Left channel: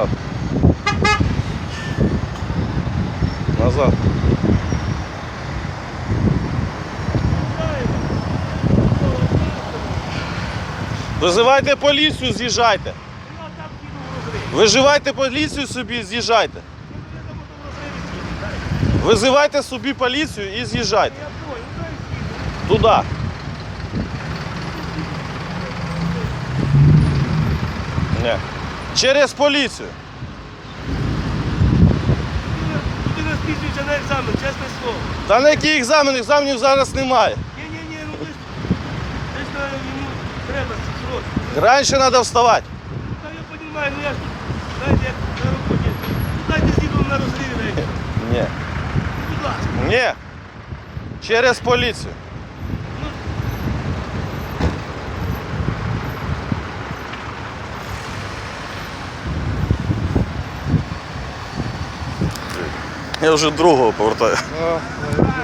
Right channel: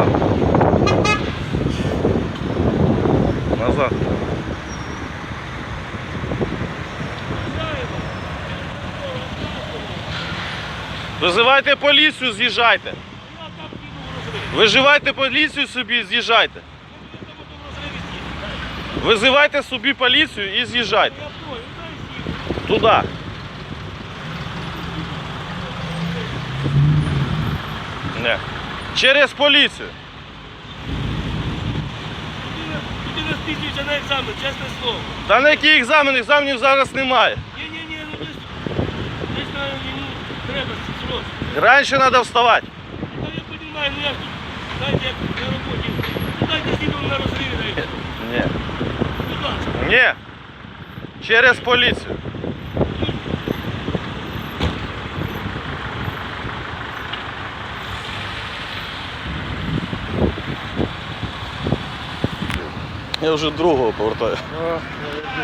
назад. Назад. Визивайте поліцію, з'їжджайте. Виживайте поліцію собі, з'їжджайте. Визивайте собі поліцію і з'їжджайте. Туди. Не. Через поліцію. Людина вже на екзамен, чесне слово. Та на який екзамен? Екзаменів зараз немає. Ні-ні-ні, ну десь, десь на йому треба це сроки. Раніше треба вставати. Та я розумію, ну я ж тут, знаєте, як на роботі. Ну дайте сіду на розриві на екзамен. Ні. Будь ласка. Ні. Через поліцію. Я вже другого повертаю. Молодець.